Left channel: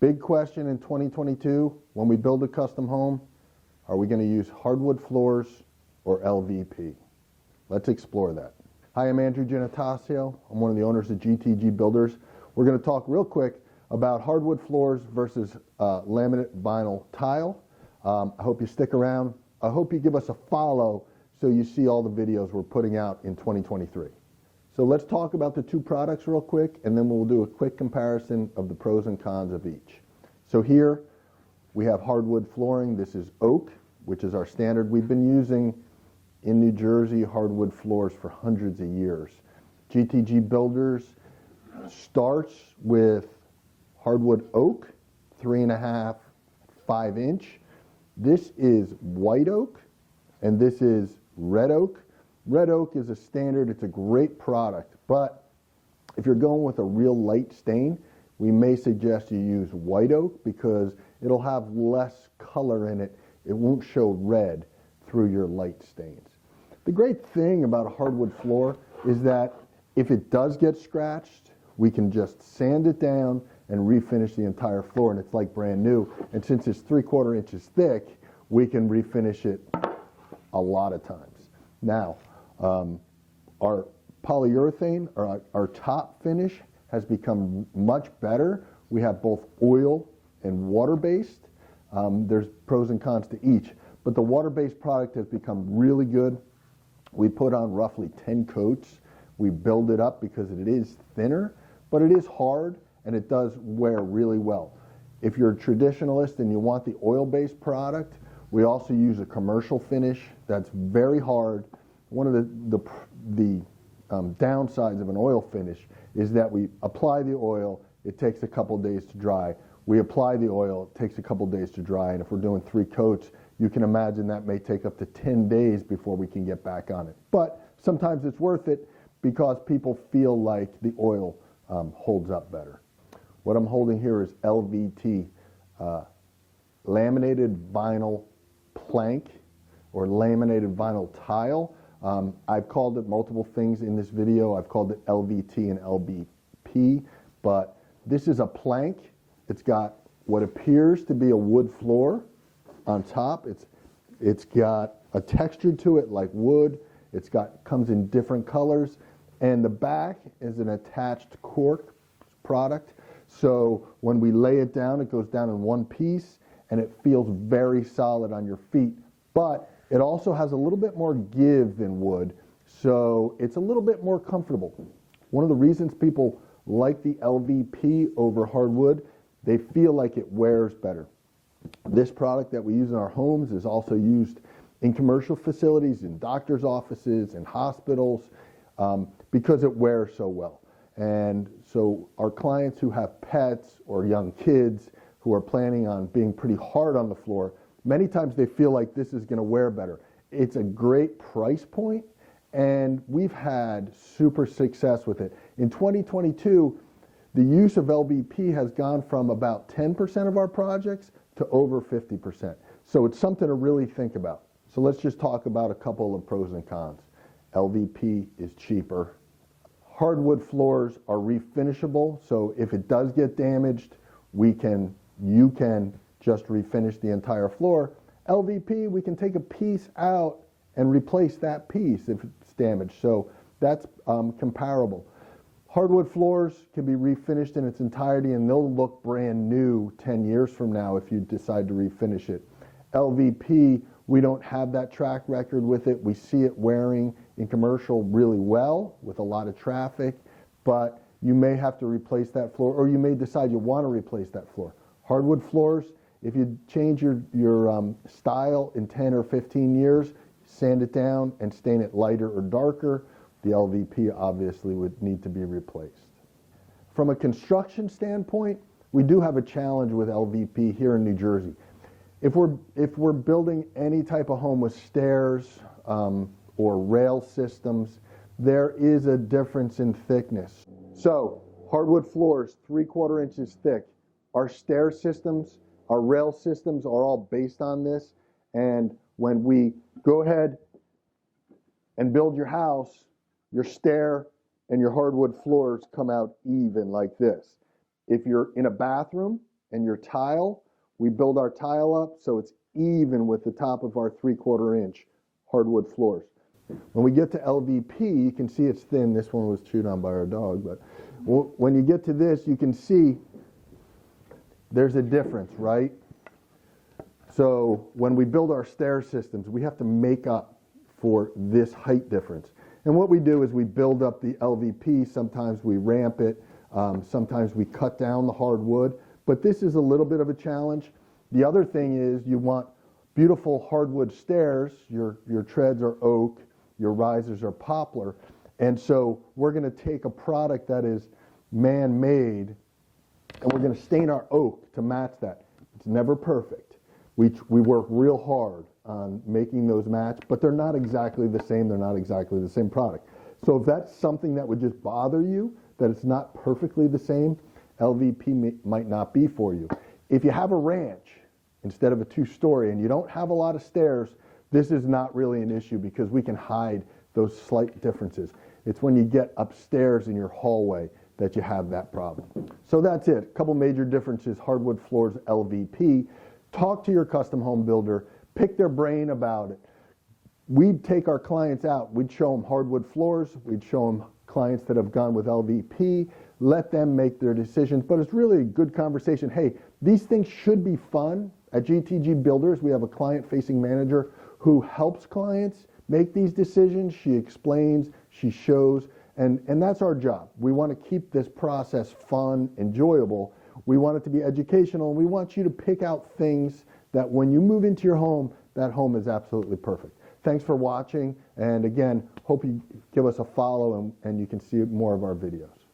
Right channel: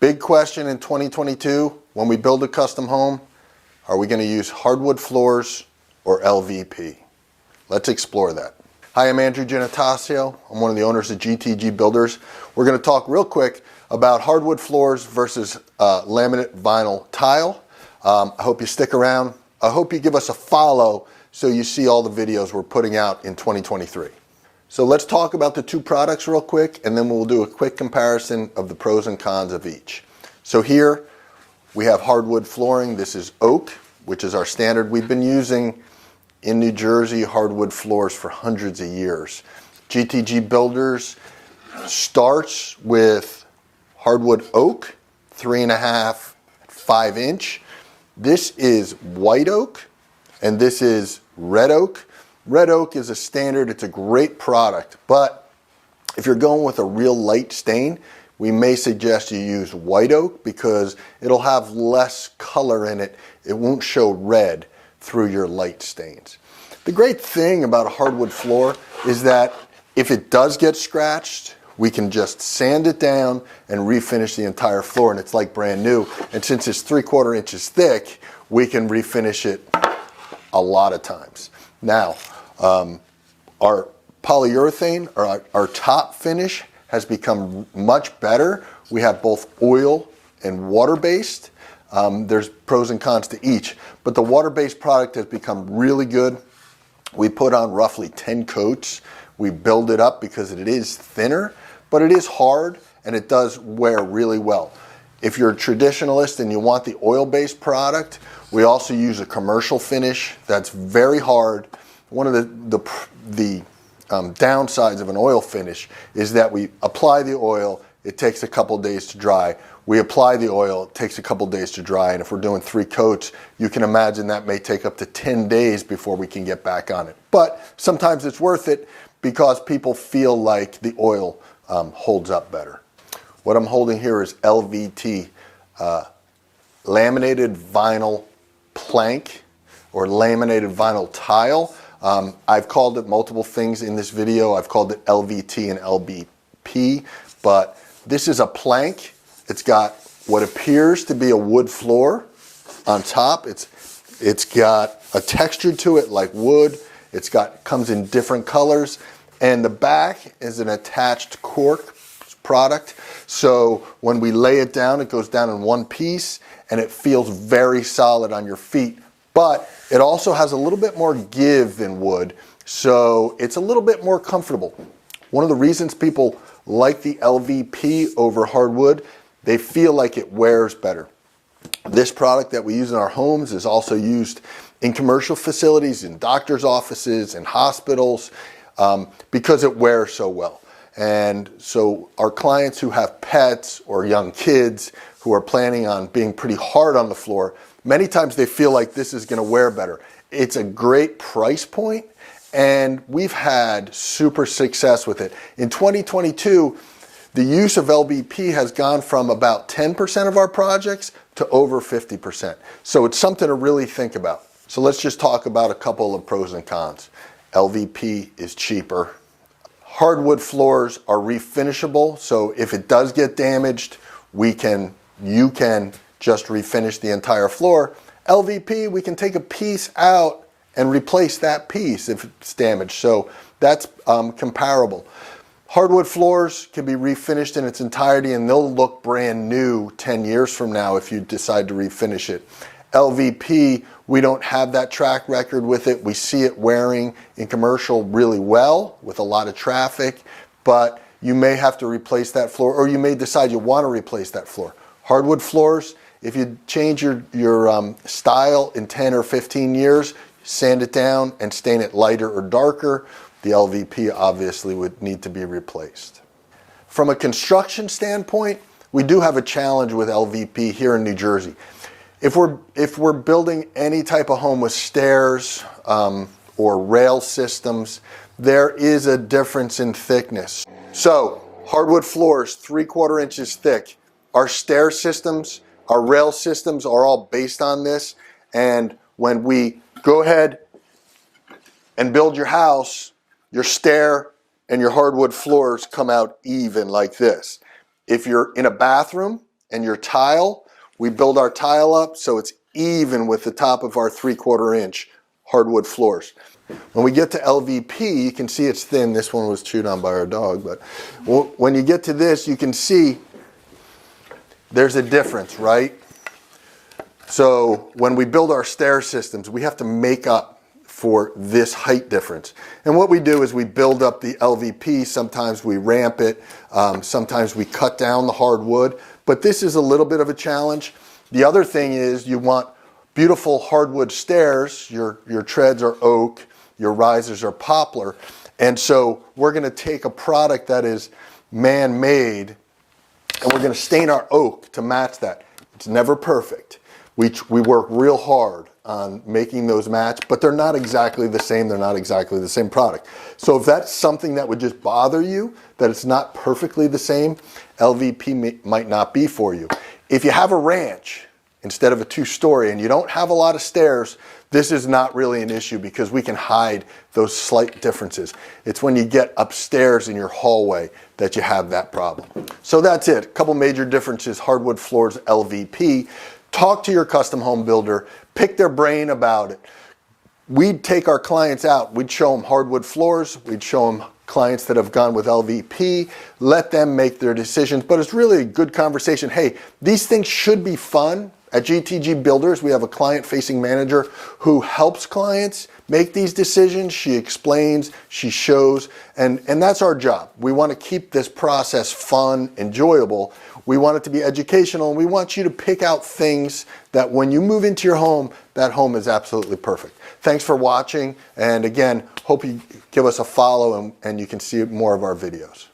Big question in 2022, when we build a custom home, are we going to use hardwood floors or LVP? Let's explore that. Hi, I'm Andrew Genatasio. I'm one of the owners of GTG Builders. We're going to talk real quick about hardwood floors versus laminate vinyl tile. I hope you stick around. I hope you give us a follow so you see all the videos we're putting out in 2023. So let's talk about the two products real quick, and then we'll do a quick comparison of the pros and cons of each. So here we have hardwood flooring. This is oak, which is our standard. We've been using in New Jersey hardwood floors for hundreds of years. GTG Builders starts with hardwood oak, 3.5, 5-inch. This is white oak, and this is red oak. Red oak is a standard, it's a great product, but if you're going with a real light stain, we may suggest you use white oak because it'll have less color in it. It won't show red through your light stains. The great thing about a hardwood floor is that if it does get scratched, we can just sand it down and refinish the entire floor, and it's like brand new. And since it's 3/4 inches thick, we can refinish it a lot of times. Now, our polyurethane, or our top finish, has become much better. We have both oil and water-based. There's pros and cons to each, but the water-based product has become really good. We put on roughly 10 coats. We build it up because it is thinner, but it is hard and it does wear really well. If you're a traditionalist and you want the oil-based product, we also use a commercial finish that's very hard. One of the downsides of an oil finish is that we apply the oil, it takes a couple days to dry. We apply the oil, it takes a couple days to dry, and if we're doing 3 coats, you can imagine that may take up to 10 days before we can get back on it. But sometimes it's worth it because people feel like the oil holds up better. What I'm holding here is LVT, laminated vinyl plank or laminated vinyl tile. I've called it multiple things in this video. I've called it LVT and LBP, but this is a plank. It's got what appears to be a wood floor on top. It's got a texture to it like wood. Comes in different colors, and the back is an attached cork product. So when we lay it down, it goes down in one piece, and it feels very solid on your feet. But it also has a little bit more give than wood, so it's a little bit more comfortable. One of the reasons people like the LVP over hardwood, they feel like it wears better. This product that we use in our homes is also used in commercial facilities, in doctors' offices, in hospitals, because it wears so well. And so our clients who have pets or young kids who are planning on being pretty hard on the floor, many times they feel like this is going to wear better. It's a great price point, and we've had super success with it. In 2022, the use of LVP has gone from about 10% of our projects to over 50%. So it's something to really think about. So let's just talk about a couple of pros and cons. LVP is cheaper. Hardwood floors are refinishable, so if it does get damaged, you can just refinish the entire floor. LVP, we can take a piece out and replace that piece if it's damaged, so that's comparable. Hardwood floors can be refinished in its entirety and they'll look brand new 10 years from now if you decide to refinish it. LVP, we don't have that track record with it. We see it wearing in commercial really well with a lot of traffic, but you may have to replace that floor, or you may decide you want to replace that floor. Hardwood floors, if you change your style in 10 or 15 years, sand it down and stain it lighter or darker, the LVP obviously would need to be replaced. From a construction standpoint, we do have a challenge with LVP here in New Jersey. If we're building any type of home with stairs or rail systems, there is a difference in thickness. So hardwood floors, 3/4 inches thick. Our stair systems, our rail systems are all based on this. And when we go ahead and build your house, your stair and your hardwood floors come out even like this. If you're in a bathroom and your tile, we build our tile up so it's even with the top of our 3/4 inch hardwood floors. When we get to LVP, you can see it's thin. This one was chewed on by our dog, but when you get to this, you can see there's a difference, right? So when we build our stair systems, we have to make up for this height difference. And what we do is we build up the LVP. Sometimes we ramp it. Sometimes we cut down the hardwood. But this is a little bit of a challenge. The other thing is you want beautiful hardwood stairs. Your treads are oak. Your risers are poplar. And so we're going to take a product that is man-made and we're going to stain our oak to match that. It's never perfect. We work real hard on making those match, but they're not exactly the same. They're not exactly the same product. So if that's something that would just bother you, that it's not perfectly the same, LVP might not be for you. If you have a ranch instead of a 2-story and you don't have a lot of stairs, this is not really an issue because we can hide those slight differences. It's when you get upstairs in your hallway that you have that problem. So that's it. A couple major differences, hardwood floors, LVP. Talk to your custom home builder, pick their brain about it. We'd take our clients out, we'd show them hardwood floors, we'd show them clients that have gone with LVP, let them make their decisions, but it's really a good conversation. Hey, these things should be fun. At GTG Builders, we have a client-facing manager who helps clients make these decisions. She explains, she shows, and that's our job. We want to keep this process fun, enjoyable. We want it to be educational, and we want you to pick out things that when you move into your home, that home is absolutely perfect. Thanks for watching, and again, hope you give us a follow and you can see more of our videos.